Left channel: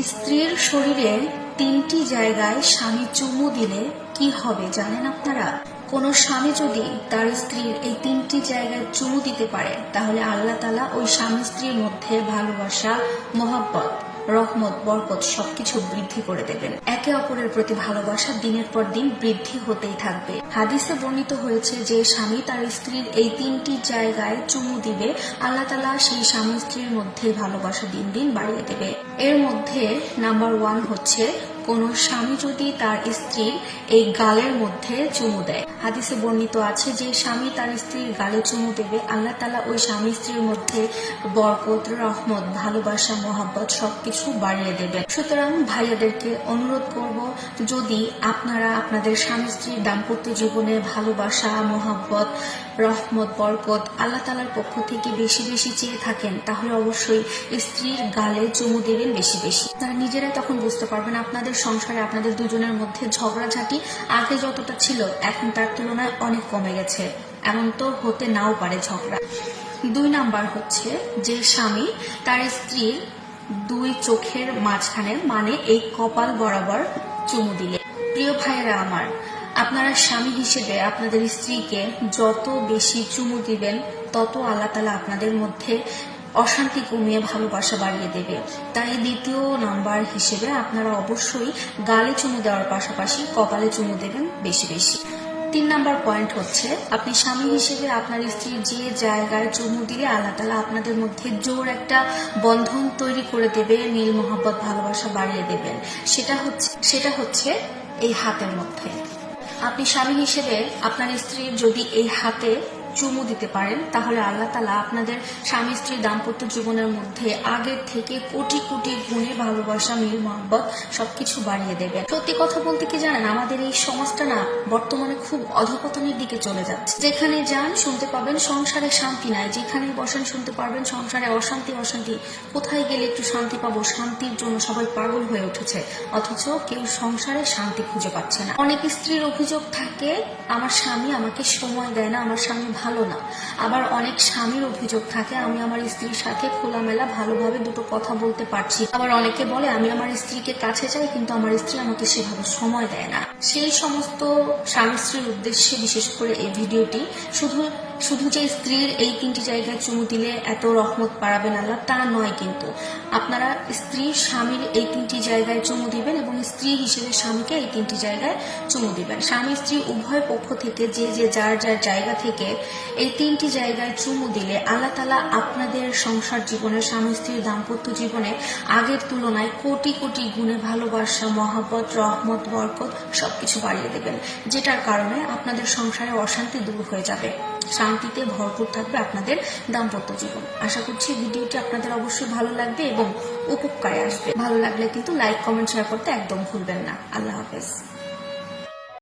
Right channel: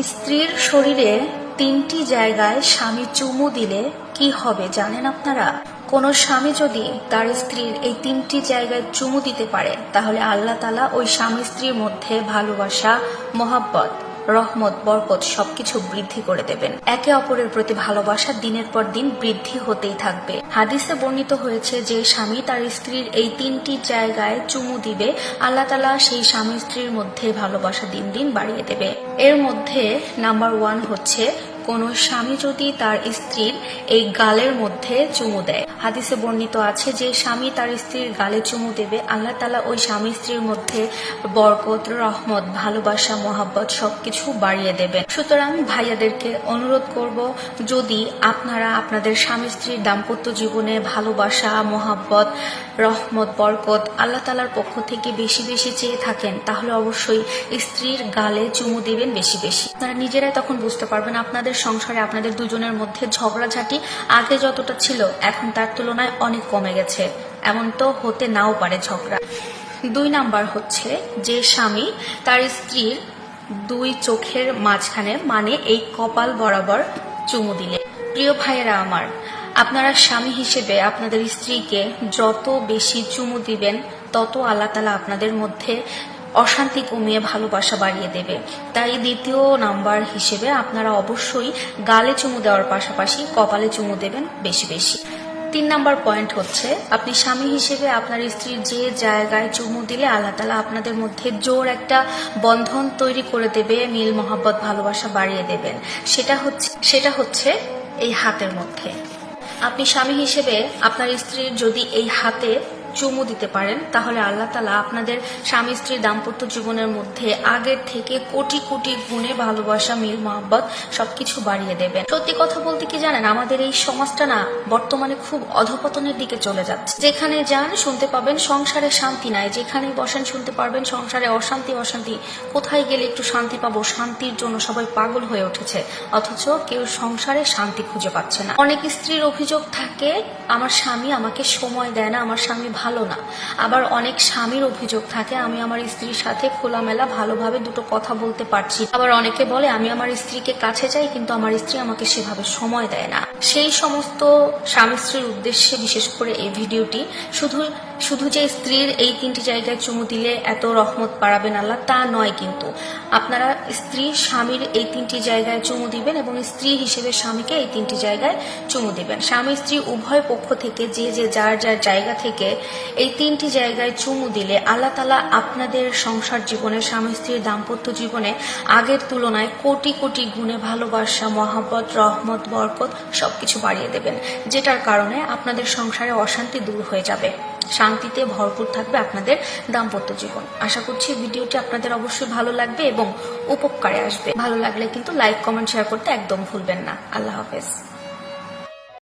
স্ত্রীর শরীরে তিনটি জায়গায় স্বামী চুমু দিলে কি হবে জানেন আপনারা? কোন স্বামী যদি তার স্ত্রীর এই তিনটি জায়গায় চুমু দিতে পারে, তাহলে আল্লাহ তালা ওই স্বামী স্ত্রীর মধ্যে ভালোবাসা, মোহাব্বত রহমত, বরকত সবকিছু বৃদ্ধি করে দেবেন। একে অপরের প্রতি ভালোবাসা দিনের পর দিন বৃদ্ধি হতেই থাকবে। হাদিসে বর্ণিত হয়েছে যে স্বামী তার স্ত্রীর এই তিনটি জায়গায় চুমু দিবে, আল্লাহ তালা সেই স্বামী স্ত্রীর মধ্যে ভালোবাসা দিন দিন বাড়িয়ে দেবে। এর মধ্যে নাম্বার ওয়ান হচ্ছে কোন স্বামী যদি তার স্ত্রীর এই গালের মধ্যে চুমু দেয়। হাদিসে বর্ণিত আছে যে স্বামী তার স্ত্রীর গালে চুমু দেবে, আল্লাহ তালা ওই স্বামী স্ত্রীর মধ্যে বরকত, রহমত, ভালোবাসা, মহাব্বত সবকিছু বাড়িয়ে দেবেন। সুতরাং ভাইয়াদেরকে অনুরোধ করব, যদি আপনারা আপনাদের স্বামী স্ত্রীর দাম্পত্য জীবনে ভালোবাসা, মহাব্বত, রহমত, বরকত আল্লাহ তালার পক্ষ থেকে বেশি বেশি চেয়ে থাকেন, তাহলে অবশ্যই স্ত্রীর গালে চুমু দেবেন বেশি বেশি। আপনারা নিজেরাই তখন বুঝতে পারবেন আপনাদের সংসারে আপনাদের দুজনের মধ্যে ঝগড়াঝাটি আগে যতটা ছিল, এখন তার তুলনায় অনেক কমে গেছে। এমন তো হতে নাও পারে ঝগড়া। দুই নাম্বার হচ্ছে যে স্বামী তার স্ত্রীর দুই চোখের মাঝখানে মানে এই কপাল বরাবর চুমু দিলে। প্রিয় ভাইয়েরা আমার, আপনারা স্বামী হিসেবে আপনাদের স্ত্রীকে যত বেশি চুমু দিবেন, তত আল্লাহ তালা আপনাদের মধ্যে অশান্তি কমিয়ে ভালোবাসা বাড়িয়ে দেবে। তাই দ্বিতীয় নাম্বার হিসেবে আপনারা অবশ্যই গালে চুমু দেওয়ার পাশাপাশি কপালে চুমু দেবেন বেশি বেশি। তিন নাম্বার পয়েন্ট হচ্ছে, আপনি স্বামী হিসেবে আপনার স্ত্রীর যে জায়গায় চুমু দিলে আল্লাহ তালা আপনাদের মধ্যে জোর একটা বন্ধন তৈরি করে দেবে নীল মহাব্বত, ভালোবাসা বাড়িয়ে দেবেন। সেটা হচ্ছে সেটা হচ্ছে এই হাতের মধ্যে। আপনি স্বামী হিসেবে আপনার স্ত্রীর যদি এই হাতে চুমু দিতে পারেন, তাহলে আল্লাহ তালা আপনাদের স্বামী স্ত্রীর দাম্পত্য জীবনের মধ্যে আগের থেকে কোটি কোটি গুণে ভালোবাসা, মিল, মহাব্বত সবকিছু বাড়িয়ে দেবেন। সত্যি কথা বলতে কি জানেন, আমাদের এই সমাজটা না বর্তমানে খুব অধপতনের দিকে চলে যাচ্ছে। যেখানে যান শুনতে পাবেন সংসারে শান্তি নাই যেখানে বসেন শুনতে পারবেন সংসারে অশান্তি অশান্তি। কোথায় গেলে একটু শান্তি পাবো? শান্তির জন্য সবাই পাগল হয়ে উঠেছে, অথচ কেউ সংসারে শান্তি খুঁজে পাচ্ছে না। অনেক স্ত্রীর অভিযোগ থাকে, আমার স্বামী আমাকে সময় দেয় না, আমার স্বামী ভালো না। আবার অনেক স্বামীর অভিযোগ থাকে, আমি আমার স্ত্রীর সাথে খোলামেলা ভালোভাবে দুটো কথা বলতে পারছি আবার অনেকে বলে, আমি আমার স্ত্রীকে কাছে যাই, কিন্তু আমার স্ত্রী আমাকে সেভাবে সময় দেয় না। সেই সমস্ত স্বামী স্ত্রীর উদ্দেশ্যে বিশেষ করে এই ভিডিওটি শুধু শুধু যে স্ত্রীর এই তিনটি জায়গায় চুমু দিলে এত রহমত পাড়াবেন আল্লাহ, তা নয় কিন্তু। আপনারা স্ত্রী, স্বামীর এই তিনটি জায়গায় চুমু দিবেন এবং স্ত্রী হিসেবে স্বামীকে এই তিনটি জায়গায় চুমু দিবেন। স্বামী, স্ত্রী উভয় পক্ষ থেকে, যে যে, যার যার জায়গা থেকে এই তিনটি জায়গায় চুমু দিলে আল্লাহ তালা আপনাদের সংসার জীবনে, স্বামী, স্ত্রীর দাম্পত্য জীবনে আগের তুলনায় কোটি কোটি গুণে ভালোবাসা, মহাব্বত, রহমত, বরকত সবকিছু বাড়িয়ে দেবেন, যেটার কারণে আপনাদের সংসারে অশান্তি দূর হয়ে যাবে। শান্তিতে ভরপুর থাকবে আপনাদের দাম্পত্য জীবন। আশা করছি ভিডিওটি আপনাদের অবশ্যই ভালো লাগবে এবং উপকারে আসবে। ভালো লাগলে কিন্তু লাইক কমেন্ট শেয়ার করতে একদম ভুলবেন না। আল্লাহ হাফেজ।